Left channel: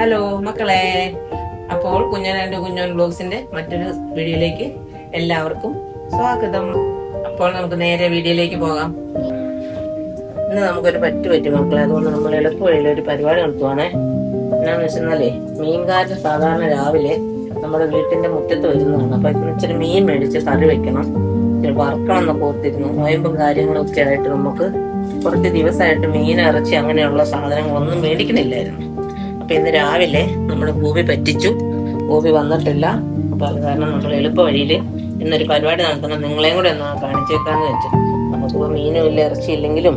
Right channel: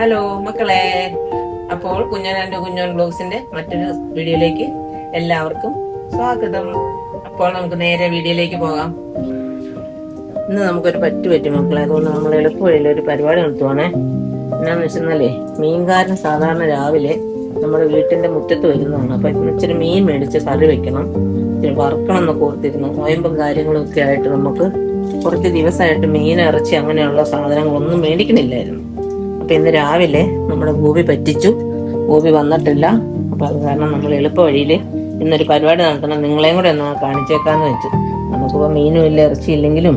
Hello മക്കളെ, അപ്പോൾ കുഞ്ഞോൻ ബ്ലോഗ്സിന്റെ മറ്റൊരു വീഡിയോയിലേക്ക് എല്ലാവർക്കും സ്വാഗതം. അപ്പോൾ നമുക്ക് നേരെ വീഡിയോയിലേക്ക് പോകാം. ഇന്ന് നമുക്കൊരു പറ്റുപറ്റി മക്കളെ, അതുകൊണ്ട് നമ്മൾ എളുപ്പവഴിയിൽ ഒരു പരിപാടി നടത്തുവാണേ. എന്നാന്ന് വെച്ചാലേ, മീൻകാരന് സാധാരണ രാവിലെ നമ്മുടെ വീട്ടിന്റെ മുറ്റത്ത് വരുന്നതാണ്. അപ്പൊ ഇച്ചിരി മീൻ മേടിച്ച് കറി വെക്കണം, ഇച്ചിരി വറുക്കണം എന്നൊക്കെ ഓർത്തിരുന്നു. നോയമ്പും കാര്യങ്ങളും ഒക്കെ ആയിട്ട് നമുക്ക് കുറച്ച് ദിവസമായിട്ട് മീൻ, ഇറച്ചി അങ്ങനെയുള്ള സാധനങ്ങളൊന്നും മേടിക്കണില്ലായിരുന്നു. അപ്പൊ ഇന്ന് രാവിലെ നമ്മുടെ ഗോപി പറ്റിച്ചു. ഗോപി വന്നിട്ടില്ല. അപ്പൊ അത് കാരണം നമ്മൾ എളുപ്പ വഴിയില് ഇന്നൊരു പരിപാടി നടത്തണം, നിങ്ങളെയും കൂടെ ഒന്ന് കാണിച്ചേക്കാന്ന് വെച്ചു. നമുക്കിപ്പോ മീനും ഇല്ല, ഇറച്ചി ഇല്ലെങ്കിലും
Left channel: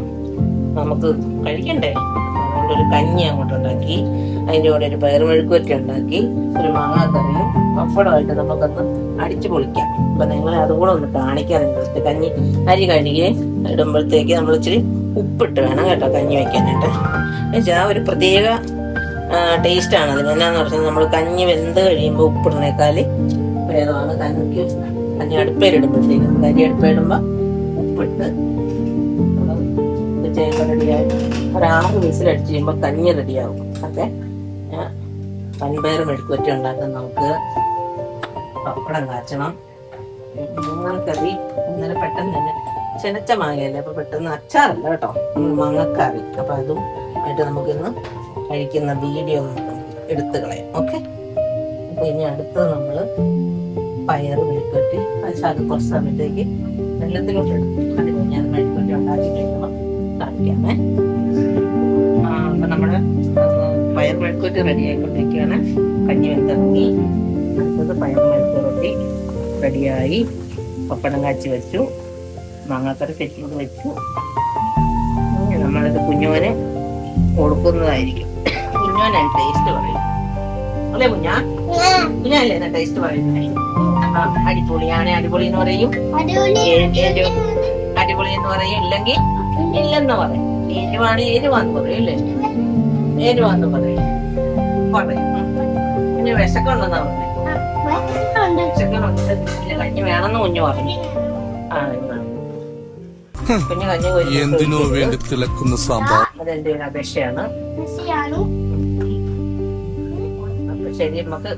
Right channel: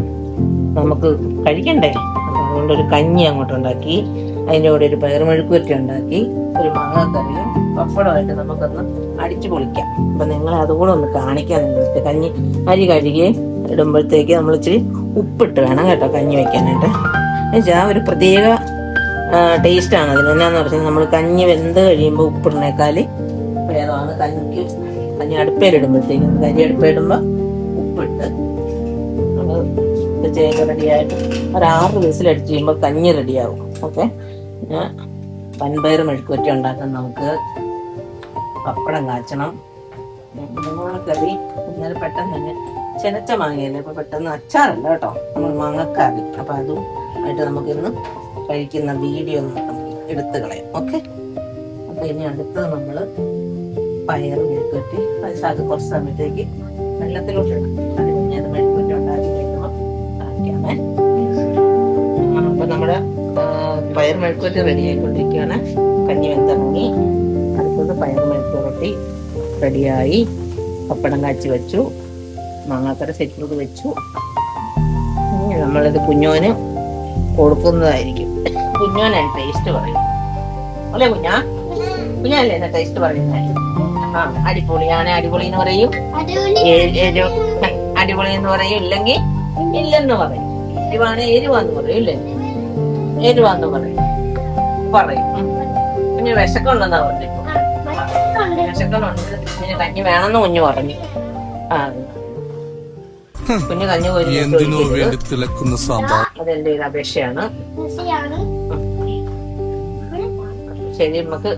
നമുക്ക് കഴിക്കണ്ടേ. അപ്പൊ അതുകൊണ്ടൊരു കഞ്ഞി അങ്ങോട്ട് ഉണ്ടാക്കി, അതിൻ്റെ കൂടെ ഒരു പയറുമെഴുക്കുവരട്ടി ഉണ്ടാക്കി, ഒരു മാങ്ങാക്കറിയും പപ്പടമായിട്ട് നമുക്കൊന്ന് അടിച്ചു പൊളിക്കാം. അപ്പൊ നിങ്ങളെ അതുകൂടെ ഒന്ന് കാണിക്കാം. നിങ്ങൾക്ക് കഞ്ഞി അരി കഴുകി ഇടുമ്പോഴത്തേക്ക് നമ്മൾ ഇച്ചിരി ഉപ്പിട്ട് വേണം കേട്ടോ കഞ്ഞി വെക്കാനായിട്ട്. എന്നുവെച്ചാൽ ഒരു പ്രത്യേക ടേസ്റ്റ് ആണ് അതിന്. എന്നാന്ന് പറഞ്ഞാൽ നമ്മൾ കഞ്ഞി വെന്ത് കഴിയുമ്പോൾ ഉപ്പിടുന്നേക്കാല് പ്രേതമാണ്. കഞ്ഞി അടുപ്പയിലിടുമ്പോഴത്തേക്കും, കരി അടുപ്പയിടുമ്പോ ഉപ്പിട്ട് ചെയ്യുമ്പോൾ റെഡിയായിട്ട് ഒരു 6 വിസിലടിച്ച് കഴിയുമ്പോൾ കഞ്ഞി റെഡിയാവും. ഓക്കെ, പിന്നെ വൻപയർ മെഴുക്കുവരട്ടി ഉണ്ടാക്കാൻ നമുക്ക് പപ്പടം കാച്ചണം. മാങ്ങക്കറി ഇന്നലെ പെട്ടെന്ന് തന്നെ ചെനച്ച മാങ്ങയല്ലേ, അപ്പൊ പെട്ടെന്ന് അച്ചാറല്ല കേട്ടോ, നമ്മൾ മാങ്ങക്കറി. അപ്പൊ അതും ആയിട്ട് നമുക്കിന്ന് കഴിക്കുന്ന വീഡിയോ എടുത്തു കളയാം. ഓക്കെ, അപ്പൊ ഇനി അടുത്തത് നമ്മള് പയറ് മെഴുക്കുവരട്ടി. അത് കുറച്ച് സമയത്തേക്ക് വെള്ളത്തിലോട്ട് ഇടാം. അത് കഴിഞ്ഞ് അത് മെഴുക്കുവരട്ടി ഉണ്ടാക്കി കഴിക്കുമ്പോൾ കാണിക്കാമേ. അപ്പൊ നമ്മുടെ പയർ മെഴുക്കുവരട്ടി റെഡി ആയിക്കൊണ്ടിരിക്കുകയാണ്. കഞ്ഞി വെന്തിറങ്ങി. അടുത്തത് പയർ മെഴുക്കുവരട്ടി റെഡിയായി. പപ്പടം കാച്ചി വെച്ചു, മാങ്ങാക്കറി സെറ്റ് ചെയ്ത് വെച്ചു. നമ്മളിത് കുഞ്ഞോന് കൊടുക്കുന്നതായിരിക്കും. കുഞ്ഞോനാണ് ടേസ്റ്റ് പറയും അല്ലെ? കുഞ്ഞല്ലേ എന്നാ ടേസ്റ്റ് പറയുന്നത്? അടിപൊളിയാണ്, അടിപൊളി എന്ന് പറയും, അടിപൊളി എന്ന് പറയും, ഇല്ലെങ്കിൽ ഇല്ലെന്ന് പറയും. എരിവാണ് എരിവാന്ന് പറയും, ഇല്ലേ? എരിവാന്ന് പറയും. പിന്നെ വിശക്കുണ്ടെന്നാ പറഞ്ഞു. വിശക്കുന്നുണ്ട്, പിന്നെ കഞ്ഞി വേണമെന്ന് കുഞ്ഞു പറഞ്ഞു. കുഞ്ഞു കഞ്ഞി എന്തിനോ വേണ്ടി തിളക്കുന്ന സാമ്പാർ. അതെന്റെ ഒരു അപേക്ഷയാണ്. ശരി, നമുക്ക്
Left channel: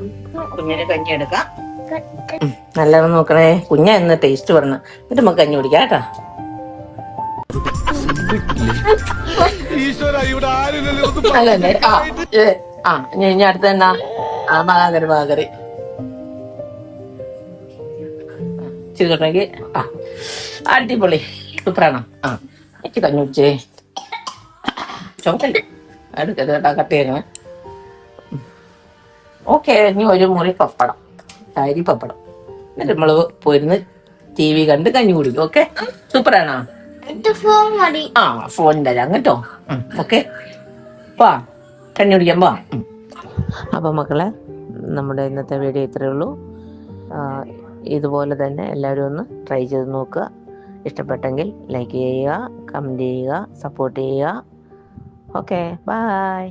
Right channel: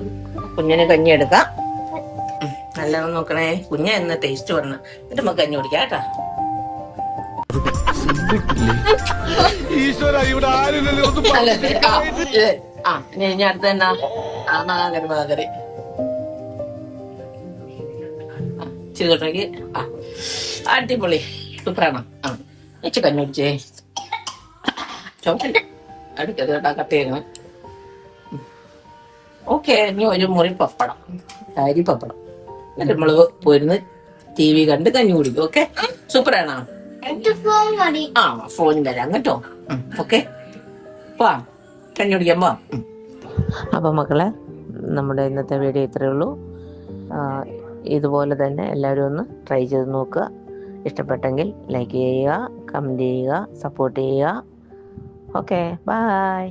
കുഞ്ഞിന് കഞ്ഞി എടുക്കാം. നല്ലത് നോക്കണേ. കുഞ്ഞ എന്ന് ടേസ്റ്റ് പറഞ്ഞു, എന്നിട്ട് നമുക്ക് കഞ്ഞി കുടിക്കാം കേട്ടോ. ഇനി അടുത്ത എന്നാ മാകരി ചിരിതൊട്ടെങ്കിൽ അടിപൊളി സൂപ്പറാണോ? ഇച്ചി കഞ്ഞി കുടിച്ചേ. അടുക്കത് കേട്ടോ, കട്ട് ചെയ്യണം. ഓക്കെ, ഇനി ഒരു മുറി പപ്പടം, അരി പപ്പടം. എന്നിട്ട് നമ്മള് പോയിരുന്ന് TV കണ്ട് കഞ്ഞി കുടിക്കും. ഓക്കെ, സൂപ്പറാണോ? ഫോൺ തരാം കേട്ടോ. ഓക്കെ, വാ കഞ്ഞി കുടിക്കാൻ പോവാം. അപ്പൊ മക്കളെ, നമ്മുടെ ഇന്നത്തെ വീഡിയോ ഇത്രയേ ഉള്ളൂ. ഇതുപോലെ തന്നെ എല്ലാവരും ഒന്ന് ട്രൈ ചെയ്ത് നോക്കുക. ഇഷ്ടപ്പെട്ടെങ്കിൽ ലൈക്ക് ചെയ്യുക, കമൻറ്റ് ചെയ്യുക, സപ്പോർട്ട് ചെയ്യുക. Okay, by.